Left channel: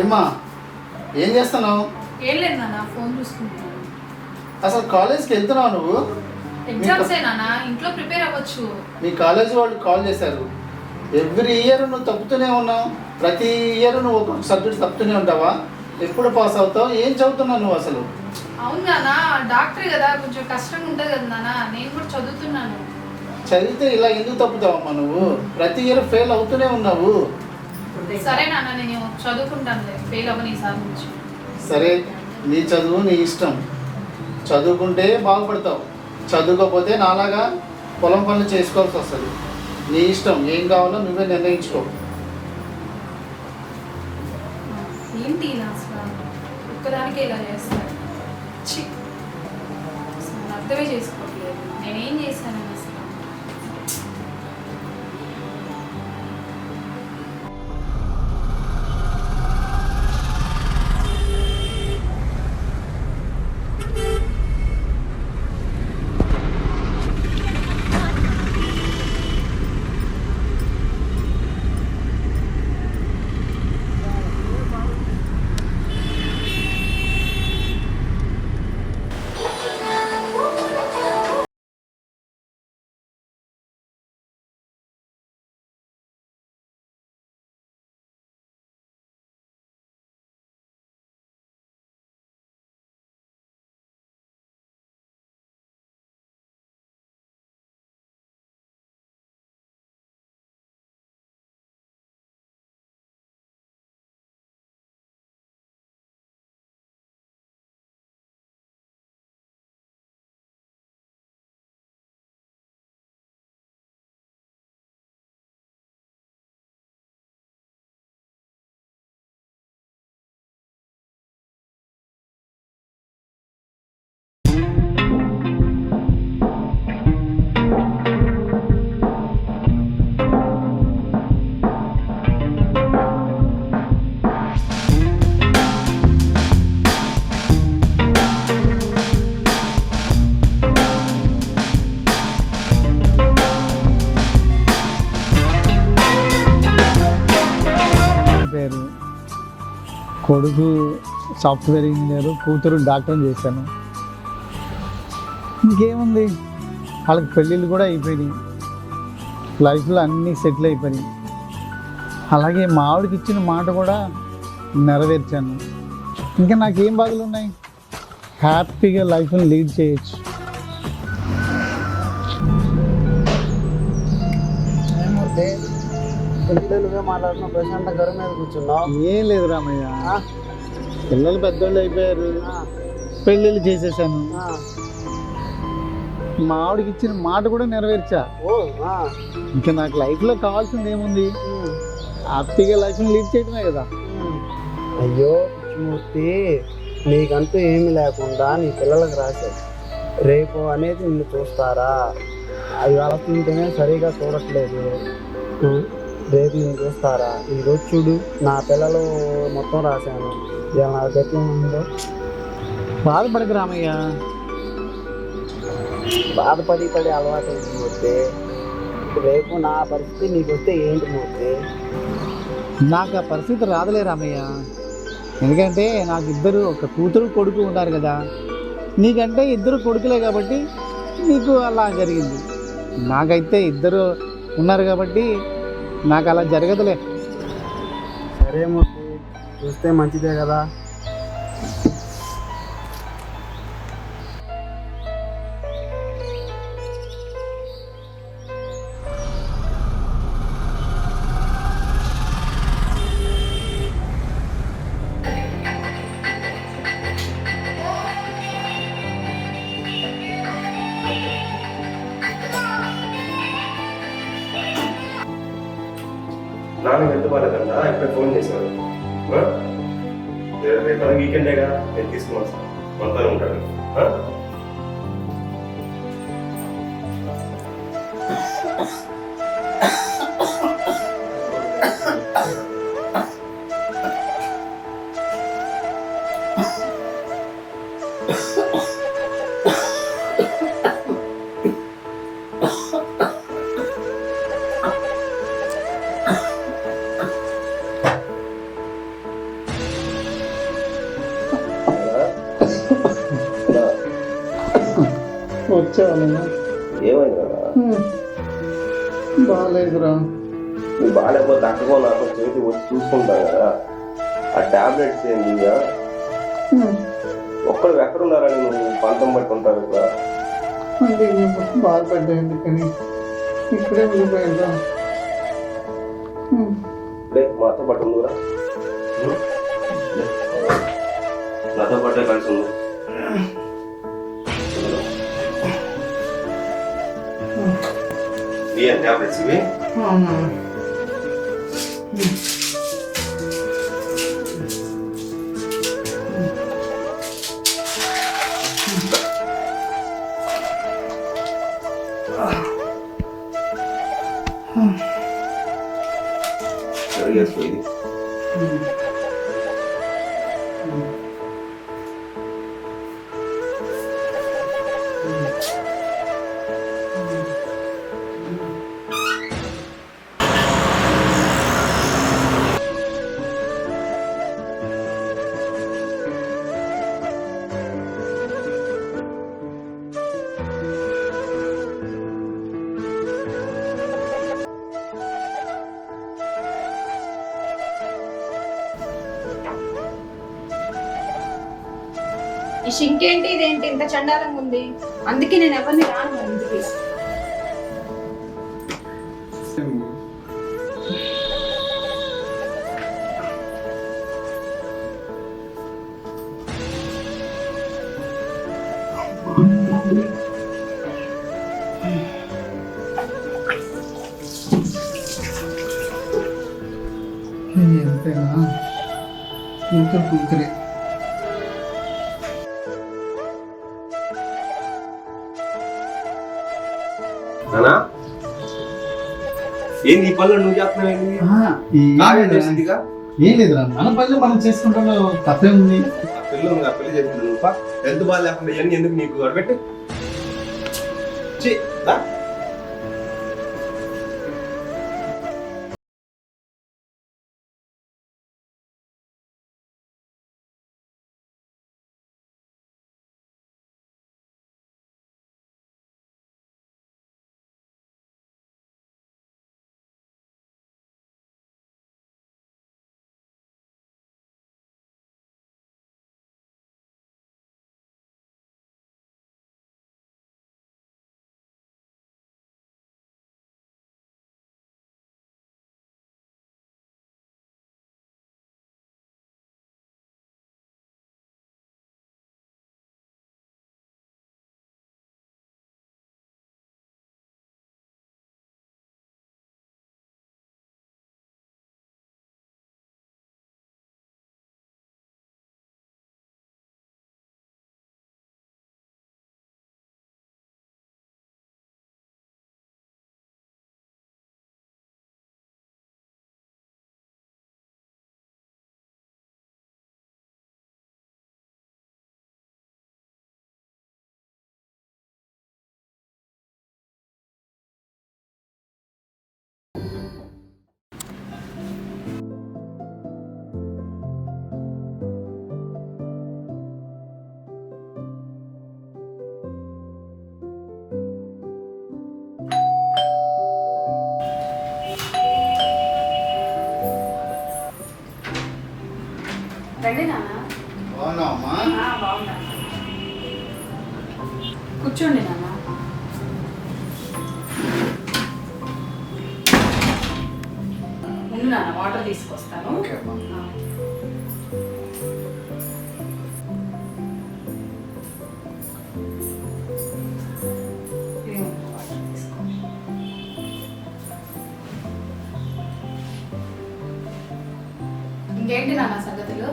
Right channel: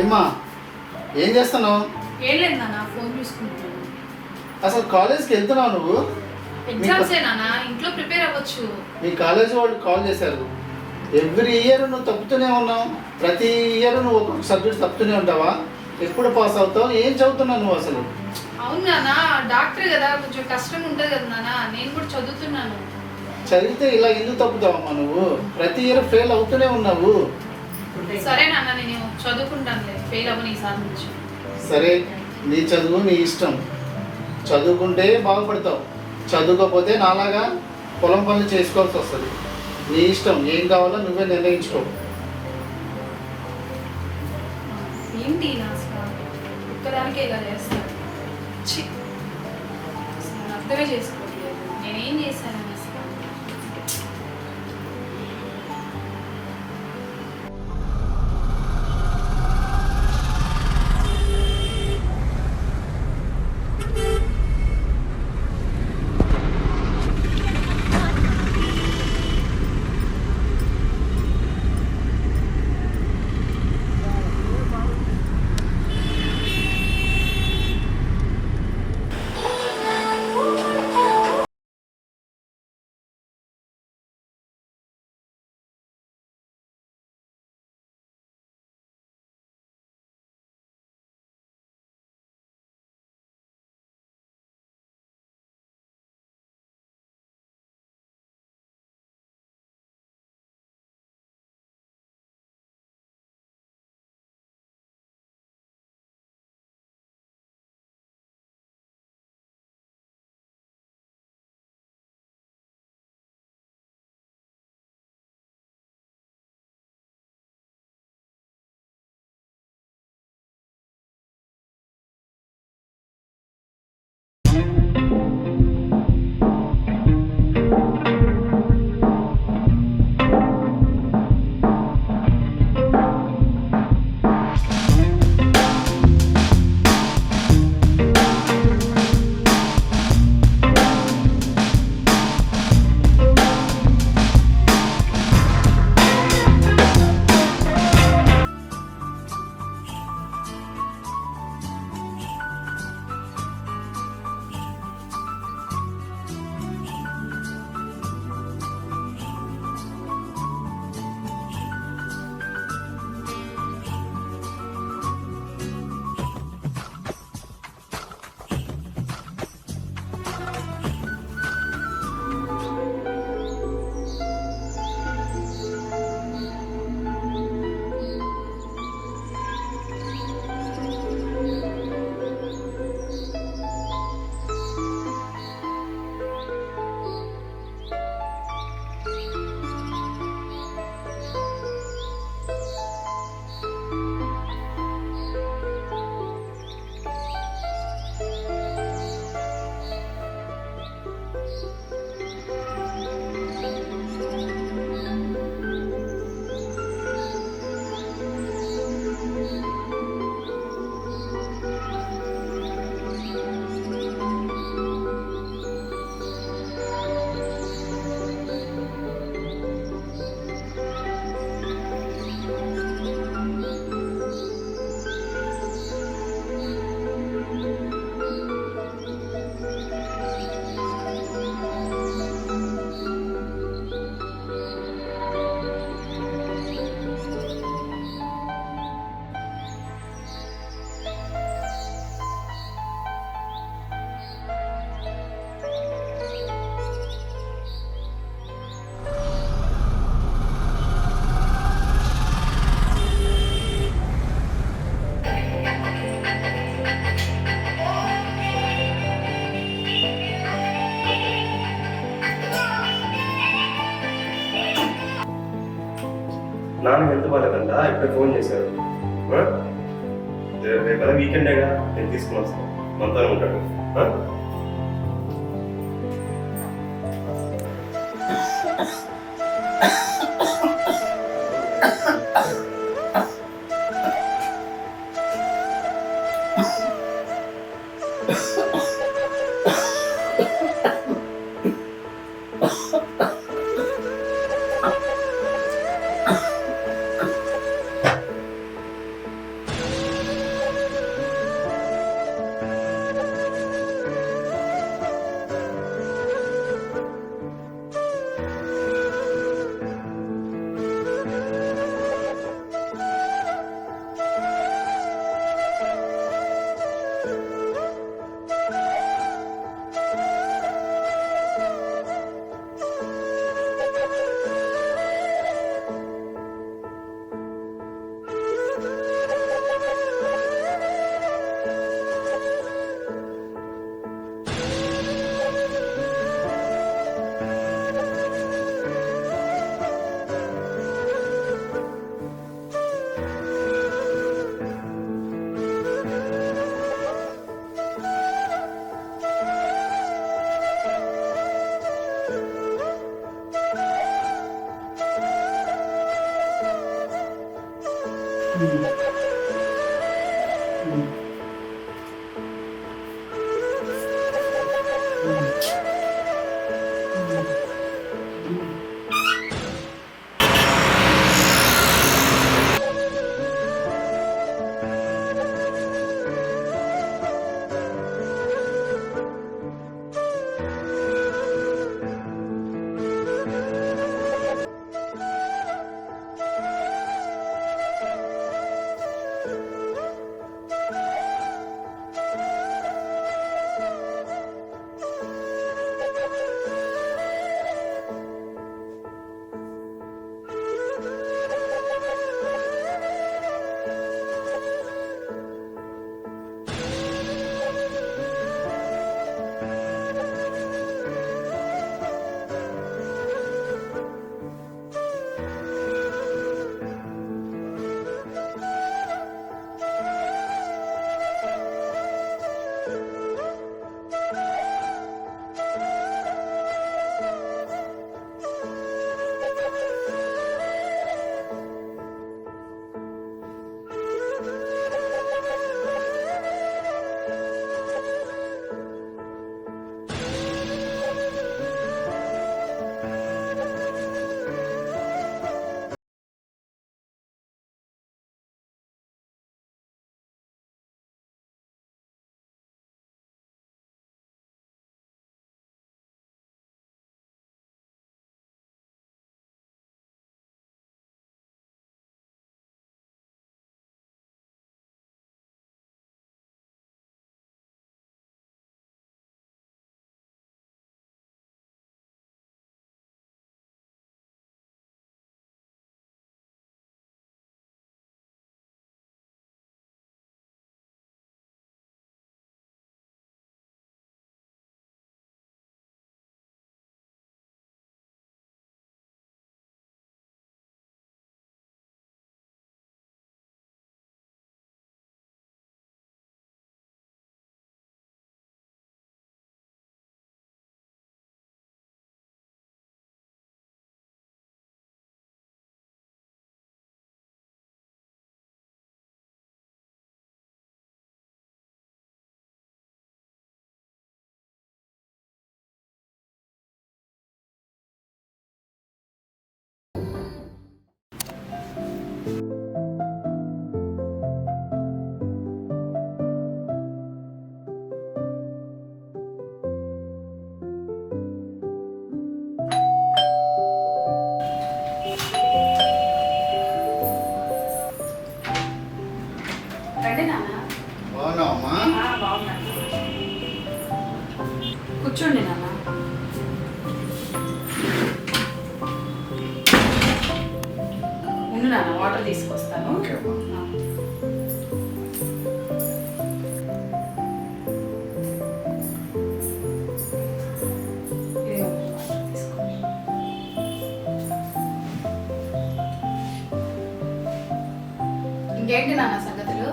ఏమ్మా ఏం చేస్తున్నావు? ఏం లేదు నాన్న, ఫోన్ చూసుకుంటున్నాను. అసలు కాలేజ్కి వెళ్తున్నావు నువ్వు? ఎగ్జామ్స్ నాన్న, ఇంట్లో ప్రిపేర్ అవ్వచ్చు. మీ కాలేజ్ వాళ్ళు కాల్ చేశారు. ఎవ్రీ ఇయర్ నువ్వు తప్పుతూనే ఉన్నావు. ప్రతి ఇయర్ నువ్వు ఒక్కొక్క సబ్జెక్ట్ తప్పుతూనే ఉంటావా? ఎప్పుడు పాస్ అవుతావు? ఏం చదువుతున్నావు నువ్వు అసలు? అవును నాన్న, డాక్టర్ కదా, కొంచెం కష్టంగా ఉంటుంది కదా నాన్న. నేను కూడా చదువుతున్నాను. చదివితే ఇలా ఎందుకు తప్పుతావమ్మా నువ్వు? ప్రతి ఇయర్ ఫెయిల్ అవుతూనే ఉన్నావు. సరే నాన్న, నేను చదువుకుంటాను, ఫెయిల్ అవ్వను ఈసారి నుంచి. సరే, నీ చదువు నీ ఇష్టం. చదువుకుంటే బాగుపడతావు, చదువుకోకపోతే నాలాగా పొలం పనులు చేసుకోవాల్సి వస్తుంది. నీ ఇష్టం, ఏం కావాలో నువ్వే నిర్ణయించుకో. ఏంటి నా అసలు ఒక్కదానికే ఇలా చేస్తాను? అసలు అర్థమే చేసుకోవట్లేదు, నేనేం చేశాను అసలు. కొడుకు సాఫ్ట్వేర్ ఇంజనీర్, కూతురు డాక్టర్ చేశాను. ఇంకేముంది, వాళ్ళకి పెళ్ళిళ్ళు కూడా అయిపోయినాయి, లైఫ్లో అన్నీ సెటిల్ అయిపోయినాయి. అలాగే మా ఆవిడకి ఇచ్చిన మాట కూడా నెరవేర్చాను. ఇంకా నాకేం బాధలు ఉన్నాయి? హ్యాపీగా లైఫ్ని లీడ్ చేయొచ్చు. మాట్లాడుతున్నా, ప్రశాంత గరు మీద కూర్చున్నావు. ఏం లేదు రామయ్య, పిల్లలు పెద్దోళ్ళు అయిపోయారు, పెళ్ళిళ్ళు చేసేసాను. మా ఆవిడకి ఇచ్చిన మాట కూడా నెరవేర్చా. ఇంకా నాకు లైఫ్లో కావాల్సింది ఏముంది? హ్యాపీగా లైఫ్ని లీడ్ చేయడమే కదా. అయ్యో మూర్తి, నీకంటూ ఏమీ లేకుండా నీ పిల్లలకు రాశావు. రేపు అనేది నిన్ను చూస్తారా? అది ఆలోచింటేనే సరిగా చూడట్లేదు. రేపు నేను చూస్తారా? ఈరోజు చూడు, నా పిల్లలు మొత్తం రాశాను. ఏమన్నా గట్టి ఉందో? బాధపడదు రామయ్య. బాధపడి అలవాటు మూర్తి. రేపు నా పరిస్థితి నీకు వస్తే ఏంటి మూర్తి? నాకు ఆ పరిస్థితి రాదులే రామయ్య. ఎందుకంటే నాకు ఇద్దరు, ఒక కూతురు కొడుకు ఉన్నారు కదా. నీకంటే ఇద్దరు కొడుకులే కాబట్టి నీకు అలా జరిగింది. నాకైతే ఇద్దరు ఉన్నారు కాబట్టి నాకు అలా జరగదులే. సరే మూర్తి, చూస్తే మంచిదే కదా. నాన్న ఎంత బాగాలేదంట, ఇప్పుడే ఫోన్ చేశారు. రేపు వీకెండేగా, నేను తీసుకుని వస్తాను, మనతోనే ఉంటాడు. వచ్చావా? ఏమైంది కదా బాగాలేదురా. నువ్వు బాగాలేకపోతే అక్కడో నాకు చేసి వచ్చి చూసుకుంటాను కదా. ఆ టాబ్లెట్స్ ఏంటి ఇక ఒక్కరు ఎక్కడున్నారని నువ్వు పంతం పట్టుకుంటారు ఇక్కడ. అంటే బాధపడ్డాయండి కానీ ఇప్పుడే ఊరిపోయిందా? మాతో పాటు ఉందిరా, నాతో పాటే కలిసి ఉంది. ఏం టాబ్లెట్స్ ఇవి? సరిగేసుకో ఇది. ఈ షింక్ ఏంటి ఇదేంటి ఇంత చండాలంగా ఉంది? అందుకే నేను ఎవరిని రాను ఇంటికి. కూతురే నానా ఏంది ఈ పనులు నువ్వు చేస్తున్నావు? కావ్య చేసిందిగా. ఏం లేదురా, మన పనులు మనం చేసుకుంటాం, తప్పే ఉంది. పెళ్ళి ఉంది, పెళ్లి చేసింది. హెల్త్ బాగా లేకుండా ఇవన్నీ ఎందుకు నీకు గడబెట్టి రండి నాన్న. బాగున్నావమ్మా? బాగున్నాను. కూర్చోండి నాన్న. ఉండు నాన్న, వాటర్ తీసుకొస్తాను. ఓకే అమ్మా. ఇంకేంటి నాన్న సంగతులు?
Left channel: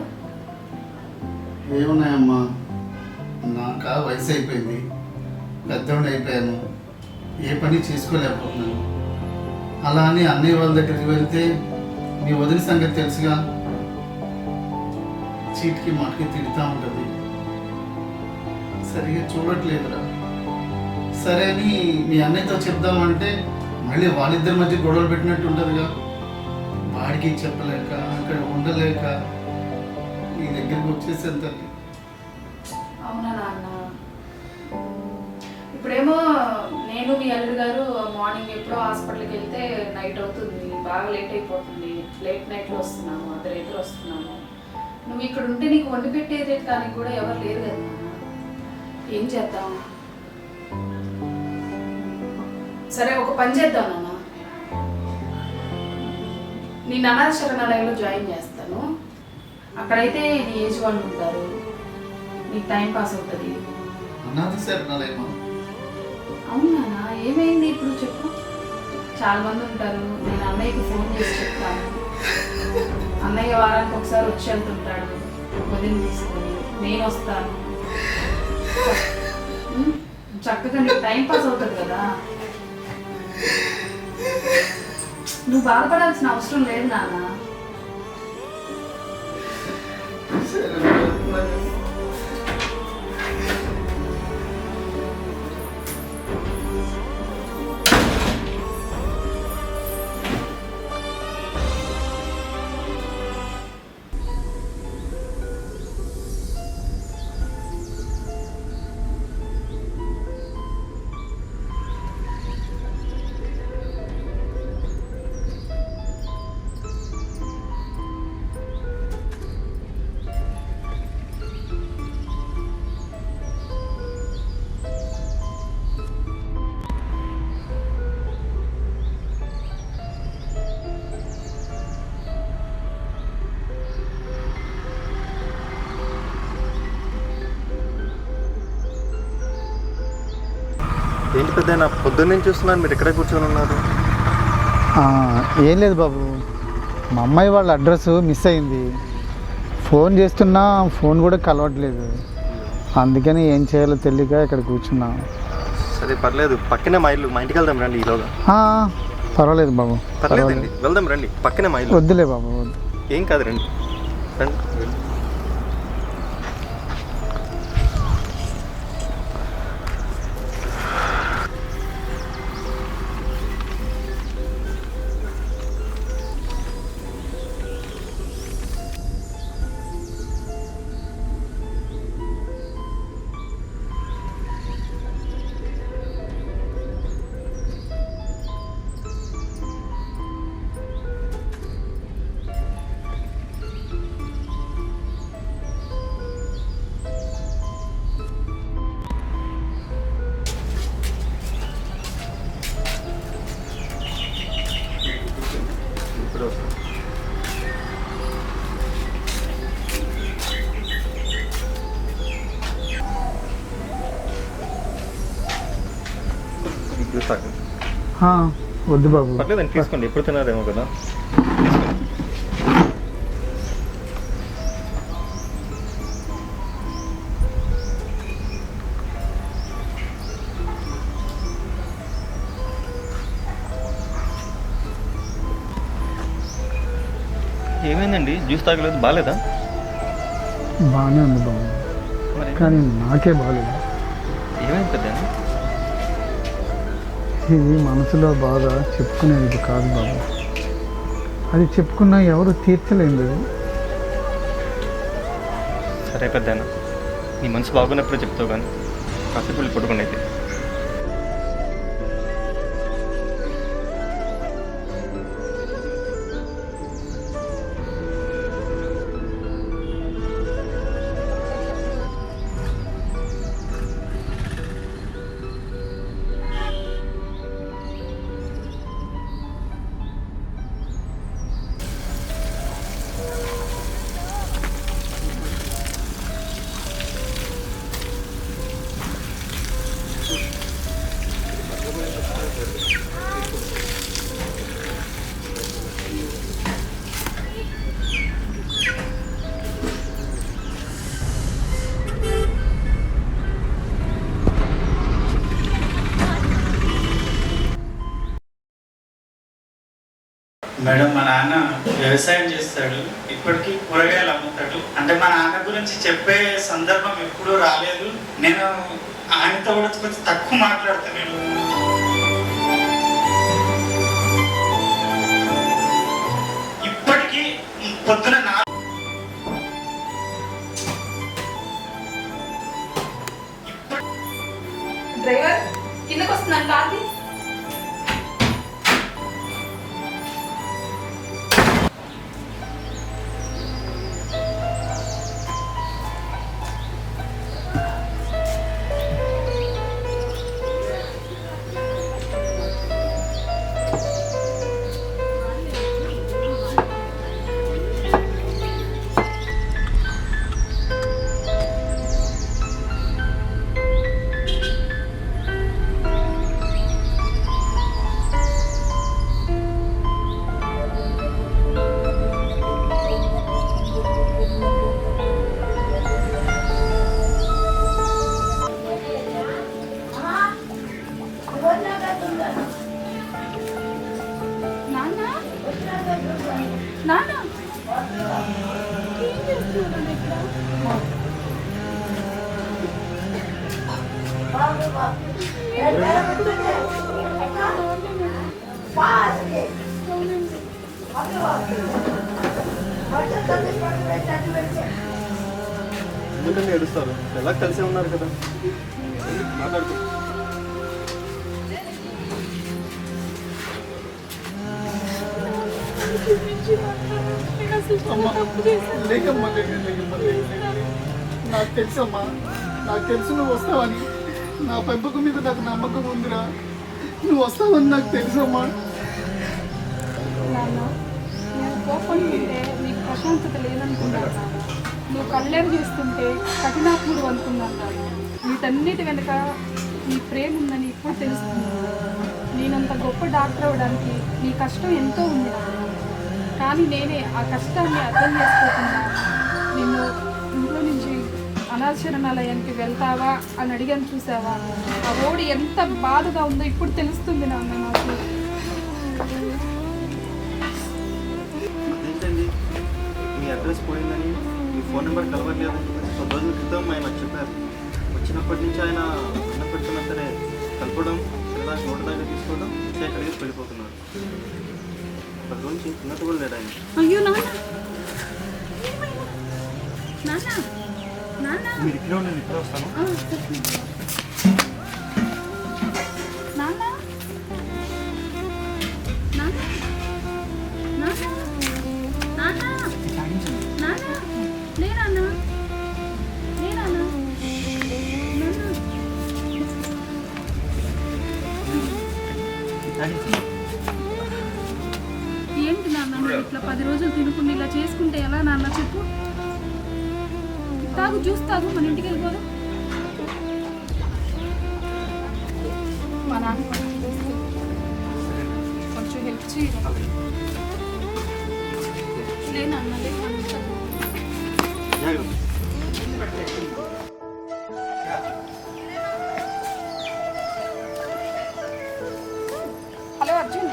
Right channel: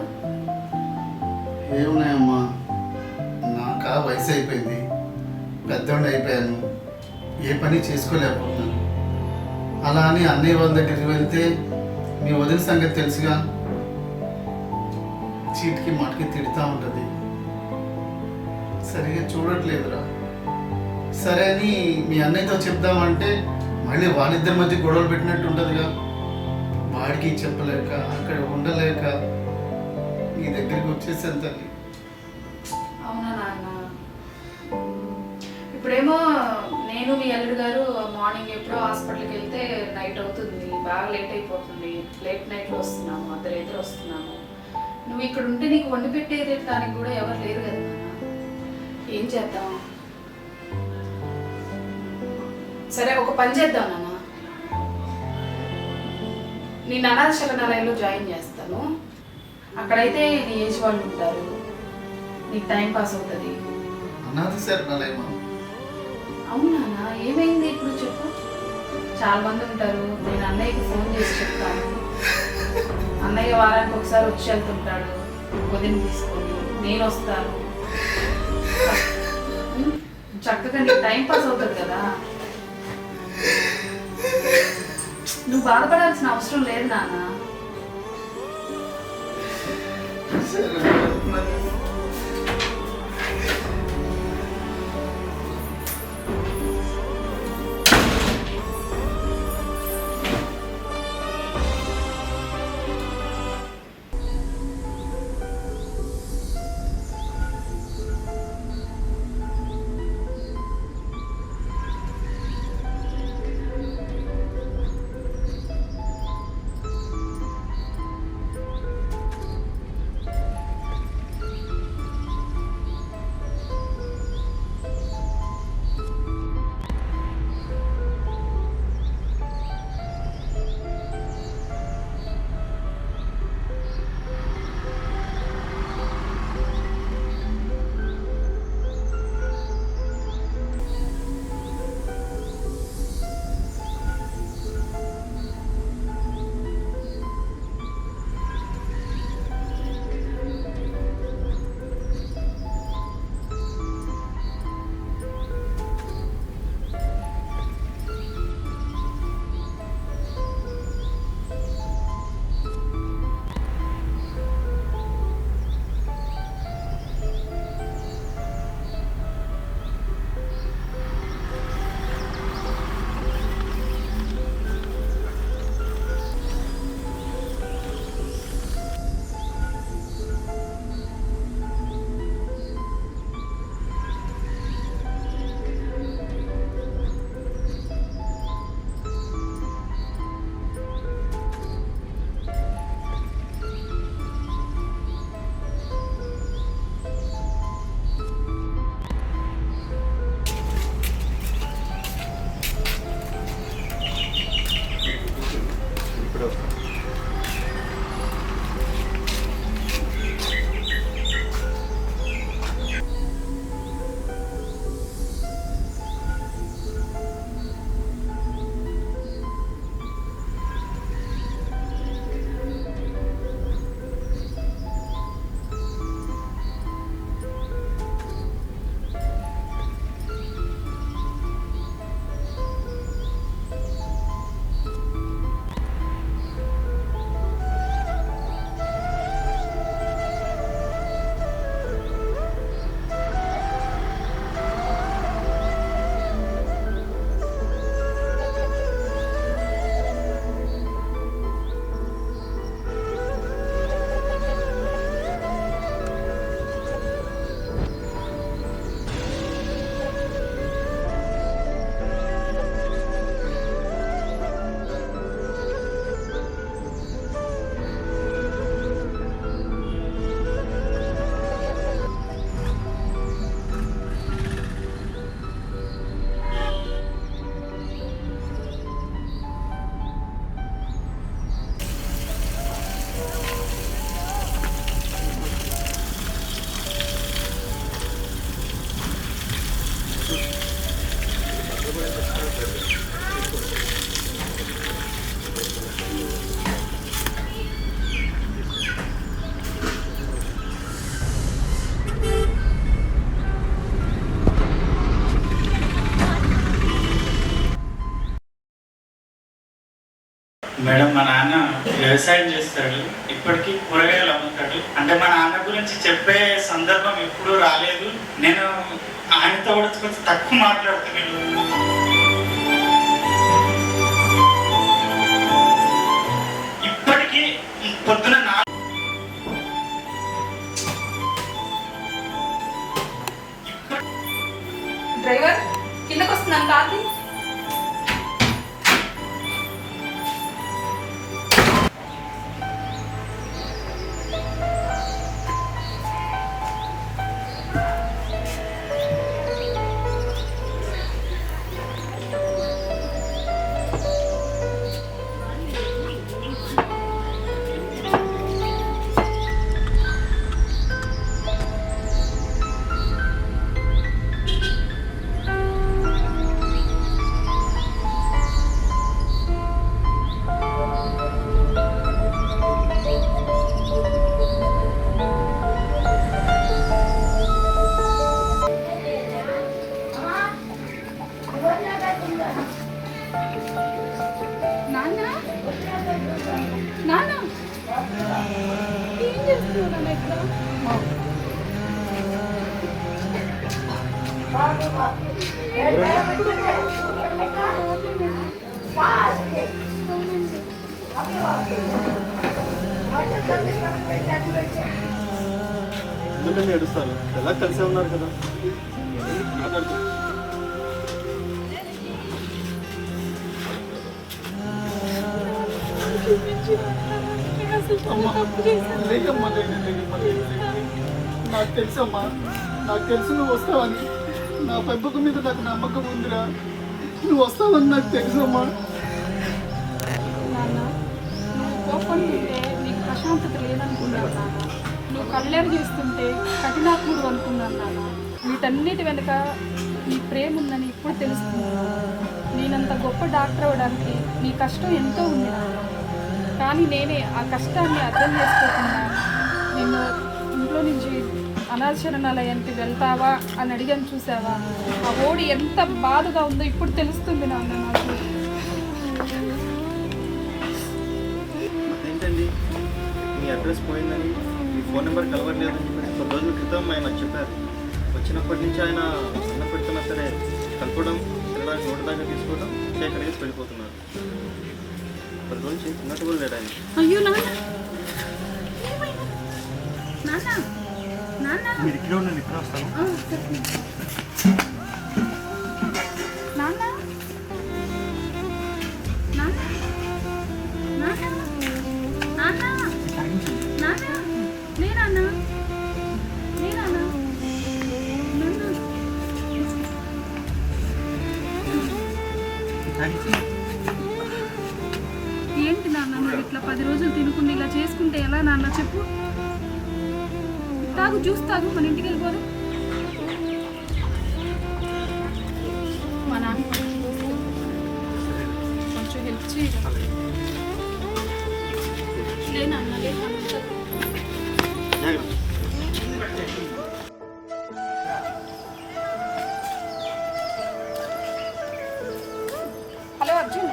ఏమున్నాయమ్మా, నాకు వయసు అయిపోయింది, పెద్దోడు అయిపోయాను, ఏ పని చేసుకోలేకపోతున్నాను. అలా అని అన్నయ్య వాళ్ళ దగ్గరికి వెళ్తే మీ వదిన సంగతి తెలుసుగా, చీటికి మటుకి తిడుతూ ఉంటుంది, సరిగా చూడట్లేదురా. సరే అని మీ అన్నయ్యతో చెప్దామంటే మళ్ళీ వాళ్ళిద్దరి మధ్య గొడవలు పెట్టినట్టు ఉంటుందిగా. వాడికి చెప్పలేక అక్కడ ఉండలేక నీ దగ్గరికి వచ్చేసాను తల్లి. అవునా నాన్న? ఇప్పుడేమో నేను మీ అల్లుడు గారు మార్నింగ్ ఎప్పుడో హాస్పిటల్కి వెళ్తే నైట్ అవుతుంది, బాగా లేట్ అయిపోతుంది, లేట్ నైట్లో వస్తున్నాము, అర్ధరాత్రి వస్తున్నాము. నువ్వు ఇక్కడ ఉంటే నీకు వండి పెట్టేది దానికి కూడా ఎవరు లేరు కదా నాన్న. ఏం చేద్దాం? సరే ఒక పని చేద్దాం నాన్న, నేను అనాథ శరణాలయంలో జాయిన్ చేస్తాను. అక్కడైతే నీ ఏజ్ వాళ్ళు ఉంటారు, నీకు టైం పాస్ అవుతుంది. అనాథ శరణాలయమా? అవునా, ఏమైంది ఇప్పుడు చెప్పు. చాలా మంది ఉంటారు, నేను అన్నయ్యకి ఫోన్ చేసి చెప్తాను. అన్నయ్య వారానికి ఒకసారి వచ్చి వెళ్తుంటాడు, వదిన తీసుకొని నేను వస్తాను. చక్కగా నీకు టైం పాస్ అవుతుంది కదా. నువ్వు బాధపడాల్సిన అవసరం లేదు నాన్న. సరే మరి. ఏంటి పెద్ద పొద్దున్న చూస్తున్నాను, మీరు ఇక్కడే కూర్చొని ఉన్నారు. ఏం లేదు బాబు, మా అమ్మాయి వాళ్ళ అడ్రస్ మిస్ అయింది. ఫోన్ చేస్తున్నా ఫోన్ కూడా కలవట్లేదు. అందుకని ఏం చేయాలో తెలియక ఇక్కడ కూర్చున్నా. సరే పర్లేదు, పక్కనే మా ఇల్లు, మా ఇంటికి వెళ్దాం రండి ఈలోగా. పర్వాలేదు బాబు, పర్లేదండి, వెళ్దాం రండి, పక్కనే మా ఇల్లు. వద్దులే బాబు, వద్దు. ఏం కాదు రండి రండి. ఇప్పుడు వద్దు బాబు, పర్లేదండి, తీసుకోండి. ఎప్పుడు తిన్నారేమో కదా. ఏమైందండి, జ్యూస్ తాగలేదు? బాగాలేదా? బాగానే ఉంది బాబు, కానీ నాకే బాగాలేదు. ఏమైంది పెద్ద? ఇది మనసులో బాధ చెప్పుకునేది కాదు బాబు. అది చెప్పుకున్నా ఎవరు తీర్చలేదు. సరే పెద్ద, నీ మనసు బాగున్నప్పుడు చెప్తావు కానీ కాసేపు వెళ్ళి పడుకునేది. మేడం, మా నాన్న వ్యవసాయం చేస్తాడు, ఇప్పటికీ కూరగాయలు అమ్ముతాడు. అంటే మా నాన్న గురించి చెప్పే సందర్భం ఎప్పుడూ రాలేదు. నేను ఆయనతో కూడా కొంచెం తక్కువ మాట్లాడతాను. ఇప్పటికీ పొద్దున డ్రైవర్ కిందకు వస్తున్నాను కాకి. నాన్న నాన్న ఏం చేస్తున్నావు నాన్న ఇక్కడ? ఎందుకంటే ఏడుస్తారు, ఎలా కలిసే ఉన్నారు కదా, మాట్లాడుతూ. లేకమ్మా, నాకు తెలుసమ్మా, నాకు తెలుసు నువ్వు వస్తావని. నా పెంపకం మీద నాకు నమ్మకం ఉందిరా. నువ్వు వస్తావని నాకు తెలుసమ్మా. నాన్న నువ్వు కోపంటుంటే నీకు ప్రశాంతత లేదనుకున్నాను నాన్న. నువ్వు కళ్ళేరు చేస్తుంటే కఠినాత్ముడు అనుకున్నాను నాన్న. వీటన్నిటి వెనుక నీ ప్రేమ ఉందని ఇప్పుడు తెలుస్తుంది. నేనంత గొప్ప డాక్టర్ అవ్వడానికి నీ కష్టం ఎంతో ఉంది నాన్న. కానీ నేనే ఆ కష్టాన్ని అర్థం చేసుకోకుండా నిన్ను ఇంట్లో నుంచి అనాథశరణాలయానికి వెళ్తావా అని అడిగాను, చూసావా? ఆ ఓడి ఎంత బాధగా ఉందో ఇప్పుడు తెలుస్తుంది నాన్న నాకు. అదేంటండి, మీ అడ్రస్ పోయిందని, మీ ఫోన్ నెంబర్ కలవట్లేదని చెప్పేసి 10 రోజుల క్రితం ఆయన నాకు చెప్పారు. వచ్చినప్పటి నుంచి ఆయన అన్నం పెడుతున్నా సరే కలపడం, తినడానికి నోటి దాకా తీసుకోవడం, అక్కడికి వెళ్ళిపోతున్నారు. 10 రోజుల నుంచి తిన్నట్టు కూడా లేడు ఆయన. అయ్యో నాన్న, ఏమైనా? నాన్న నాన్న మీరు ఇక్కడే ఉండండి, ఇప్పుడే వస్తాను. నాన్న నాన్న నాన్న నాన్న నాన్న లేనా లేనా నాన్న? ఏంటి నాన్న నువ్వు ఇట్లా 10 రోజులు తినకుండా ఇలా చేసుకుంటే ఎలా నాన్న చెప్పు? తాగు, జ్యూస్ తాగు, మన ఇంటికి వెళ్ళిపోదు. మా నాన్న కొంచెం హెల్ప్ చేయాలి. లేనన్న జాగ్రత్త. హలో అర్జున్,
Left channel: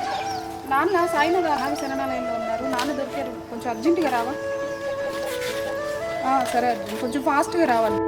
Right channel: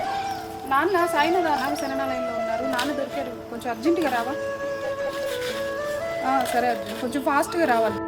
నాన్న సాయినాథ అనాథ శరణాలయంలో ఉన్నారు. నాన్న దొరికారు, కొంచెం అర్జెంటుగా రావా? సరే అర్జున్, కొంచెం ఫాస్ట్గా రావాలి.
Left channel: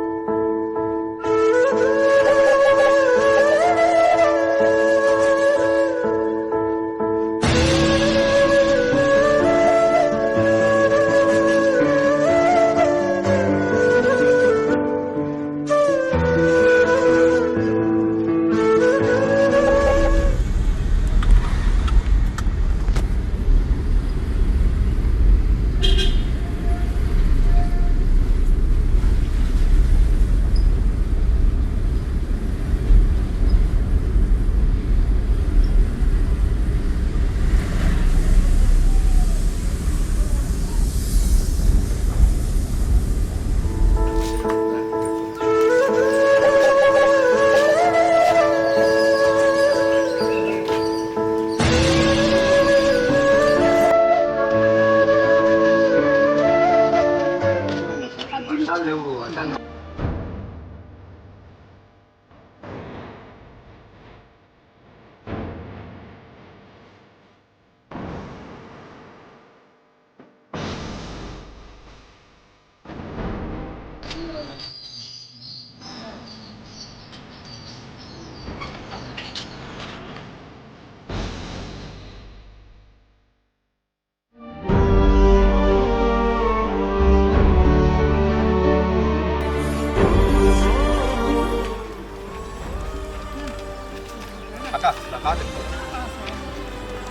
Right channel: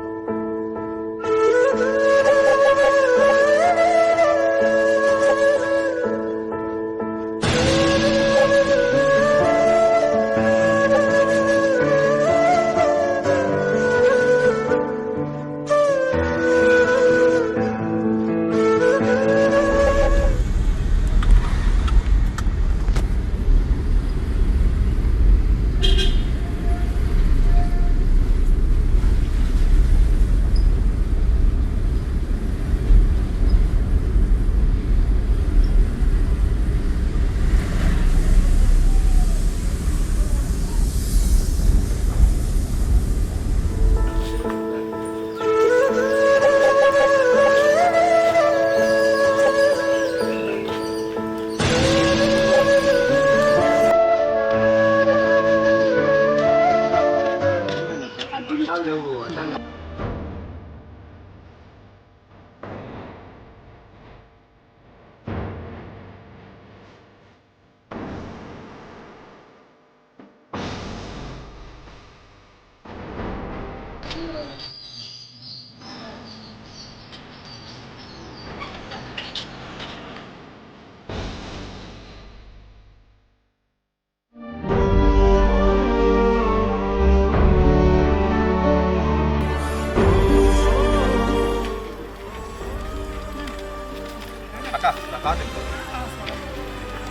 కార్ వెళ్ళిపోతాను.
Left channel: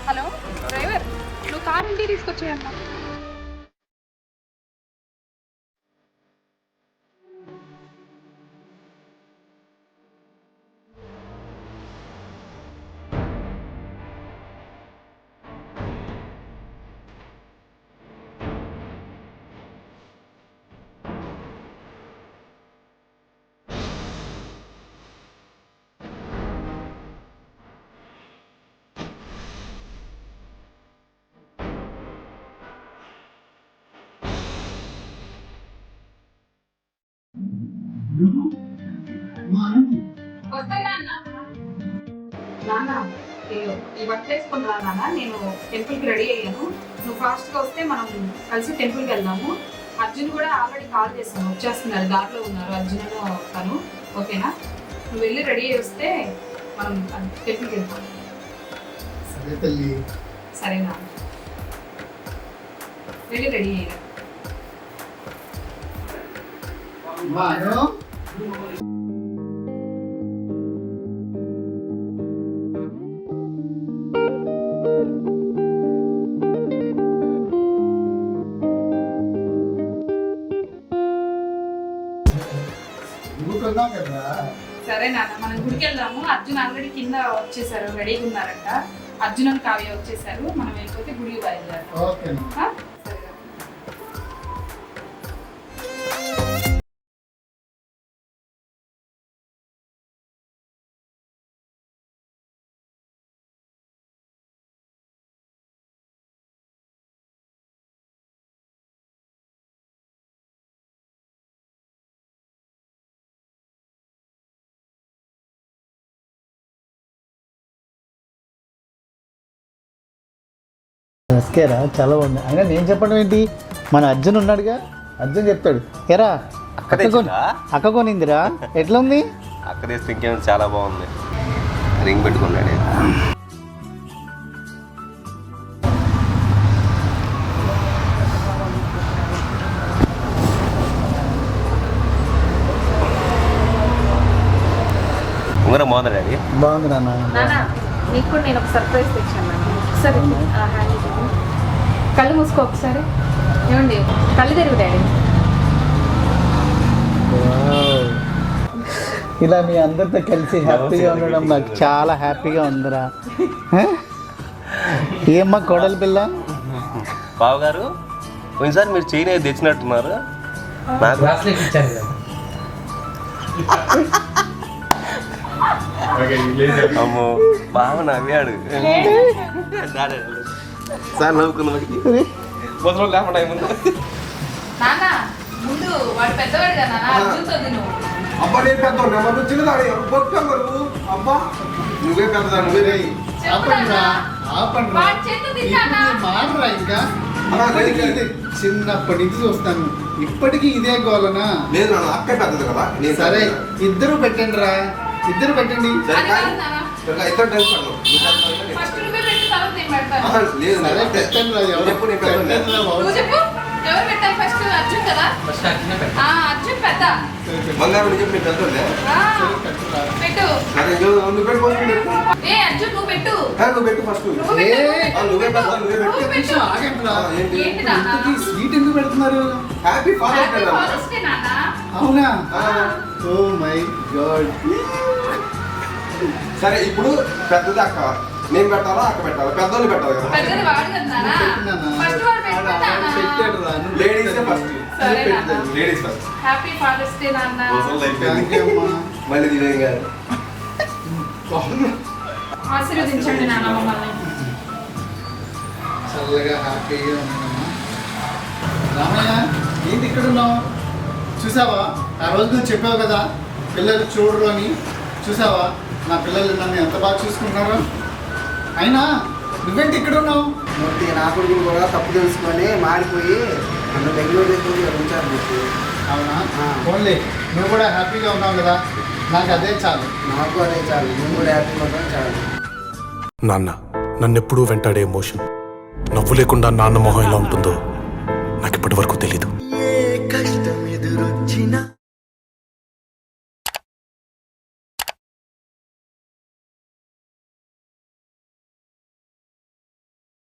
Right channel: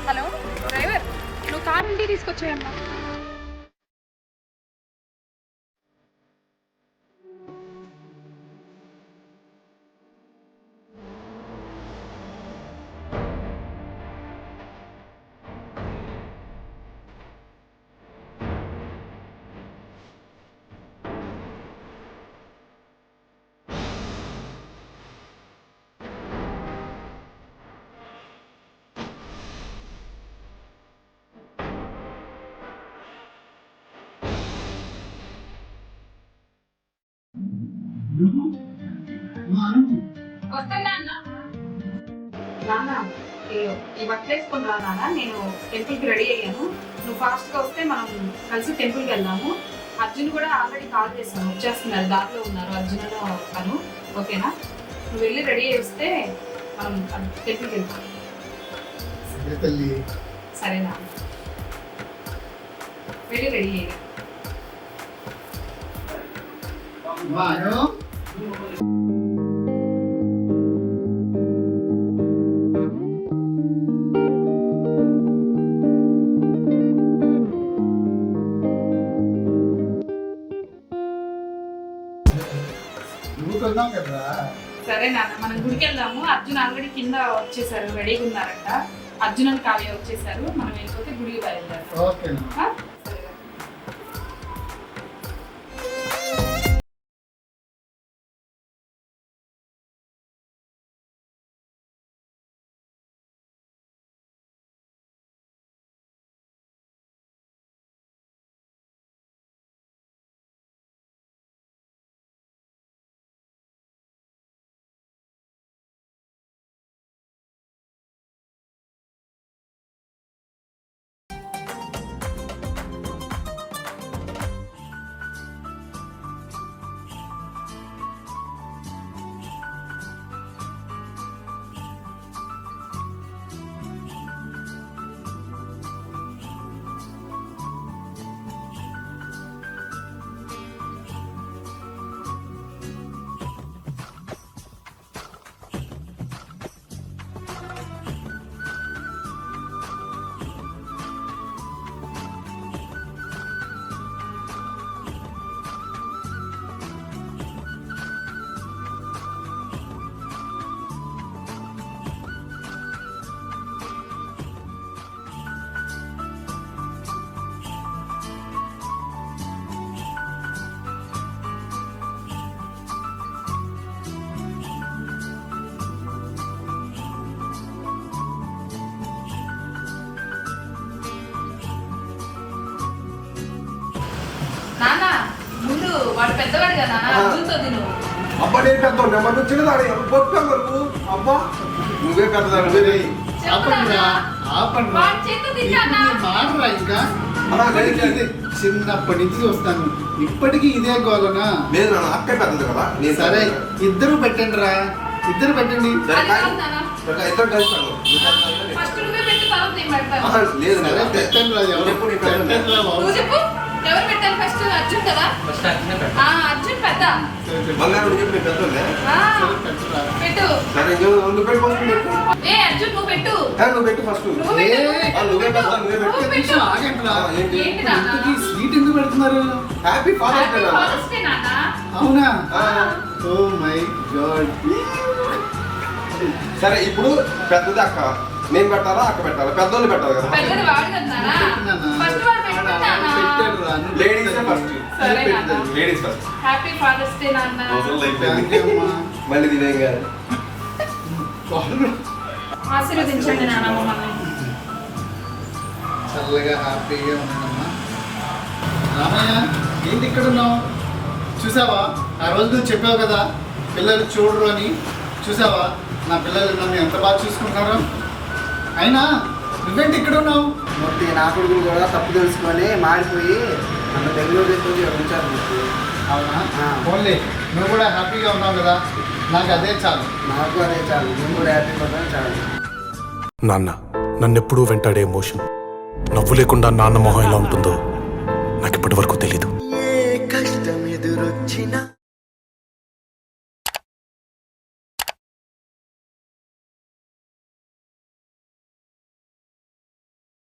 హలో డ్రైవర్, నువ్వు కార్ ఇంటికి తీసుకొచ్చేయమ్మా. నాన్న ఈ వర్క్ చేసుకుని రా నాన్న, నేను టెంపుల్కి రెడీ అయ్యాను. నువ్వు ఫాస్ట్గా వస్తే మనం కలిసి టెంపుల్కి వెళ్దాము. అర్జున్ కూడా ఆల్రెడీ కాల్ చేశాను, వచ్చేస్తున్నారు, దారిలో ఉన్నారు అర్జున్ తను. ఓకేనా? నువ్వు వెళ్ళి రెడీ అయ్యి వస్తే మనం టెంపుల్కి వెళ్తాం. సరే తల్లి. సరేనా? వెళ్ళి రెడీ అయ్యా. వాను ఊరుకుందాం కదా. సరే నాన్న, మనం గుడికి వెళ్దాము. అర్జున్ ఆల్రెడీ కింద వచ్చేసారు, రెడీగా ఉన్నారంట. అర్జున్ అని కావ్య వచ్చేసారు, మనం వెళ్ళిపోతే గుడికి బయలుదేరాం. ఓకేనా? సరే. నమస్కారా, చాలా బాగుంది. అయినా నేను చెప్పడం ఏంటి, మన అర్జున్ ఉన్నాడుగా, అర్జున్ చెప్తాడు. ఎరా అక్క కొనిందిరా, ఎట్లా ఉంది? అక్కడే ఇంకేం చాలా బాగుంది. రింగ్ పెట్టుకున్నాడు. ఉంగరం బాగుంది డాడీ. బాగుంది నాన్న. నీకు కూడా నేను ఒక సర్ప్రైజ్ తెచ్చాను. ఒకసారి కళ్ళు మూసుకో ఒకసారి. ఏమండి, కళ్ళు తెరుగు డాడీ. ఇలా మీ అందరితో కలిసి హ్యాపీగా ఉండడం నాకు చాలా హ్యాపీగా ఉందిరా. ఏమ్మా కోడలి పిల్ల? బాబు గారు, కొన్నిసారి మీరు చైన్ అయితే తెచ్చినట్టున్నారు. నాకు అమ్మో బాగా నవ్వాడు సార్. నవ్వుకున్నాడు. నాన్న, ముందు వాడు పెద్దవాడు కదా నాన్న, అర్జున్తో తిను. అబ్బా నేను పెద్ద చిన్నదాడు అబ్బా నువ్వే పెద్దదాడు. నువ్వే ఆపండిరా, ఆపండిరా. వాడి చేతులు తిన్నానా? మాడరా ఇంకా. ఇప్పటికీ ఇదే, చిన్నప్పటి నుంచి చూస్తాను, ఇప్పటికీ ఇదే గోలనా? లేదు నాన్న, అక్క పెద్దది కదా. నేను సరే, ఇద్దరు పెట్టండి రా, ఇద్దరు పెట్టండి. అది కాదు నాన్న. ఇద్దరు తెలుస్తాను. ఫస్ట్ నువ్వే పెట్టు, తర్వాత నేను పెడతాను. లేదు సరే పెట్టండి రా, ఎవరు పెట్టండి రా బాబు. నువ్వు చెప్పు, ఎవరు పెట్టాలి ఫస్ట్? అర్జున్ కదా. అర్జున్ పెద్ద. బంగారం చెప్పి నేను పెద్దోళ్ళే. ఆ, సరే, పెట్టురా. పెట్టు. సరే నువ్వు పెట్టు ఫస్ట్. ఏ అర్జున్, నువ్వు పెట్టు. నువ్వు పెట్టు ఫస్ట్. నువ్వు పెట్టు, నువ్వు పెట్టు. నువ్వే పెద్ద, నువ్వే పెట్టు. నువ్వు పెట్టు. ఆగండి రా. ఏంటి? ఏంటి నాన్న? ఇంతకీ స్వీట్ ఎందుకు పెడుతున్నారు? హ్యాపీ ఫాదర్స్ డే హ్యాపీ నాన్న. ఫాదర్స్ డే నాన్న. అవునా? ఆ. Oh my god. సరే ఇప్పుడు పెద్దది అక్క, నేను పెట్టాలా అక్క పెట్టాలా? పెద్దోళ్ళు పెట్టాలి కదా. పెద్దది వాడు కదా నాన్న. ఫస్ట్ వాడు పెట్టుకుంటానా? పెట్టాడు రా, నువ్వు లేడీస్ ఫస్ట్. సరే నాన్న. Ladies first. Happy father's day నాన్న. థ్యాంక్ యూ అమ్మా. మళ్ళీ ఇదేం కాదు. ఆశీర్వదించండి నాన్న మమ్మల్ని. చల్లగా హ్యాపీగా ఉన్నానమ్మా. రామయ్య, ఏంటి ఇక్కడ ఉన్నావు? చూసావా, ఆ రోజు నువ్వు చెప్పావు కదా పిల్లలు చూడరు అని. చూసావా, నా పిల్లలు నన్ను ఎంత బాగా చూసుకుంటున్నారో. అయినా నువ్వేంటి ఇక్కడ ఉన్నావు? మూర్తి నా కొడుకులు కూడా తప్పు తెలుసుకొని మారిపోయి నన్ను బెంగళూరు తీసుకొని ఉంచారు మూర్తి. అవునా? ఆ. ఓన్లీ నువ్వు కూడా హ్యాపీగా ఉన్నావు కదా, నాకు అదే చాలు. నాకు అదే చాలు, నేను కూడా హ్యాపీ పడతాను చాలు. నాన్న నన్నెప్పుడూ వెంటాడే ఎమోషన్, నవ్వు లేకుండా నాన్న మొహం ఎలా ఉంటుందో నాకు ఇప్పటి వరకు తెలీదు. ఏ కష్టం ఎదురొచ్చినా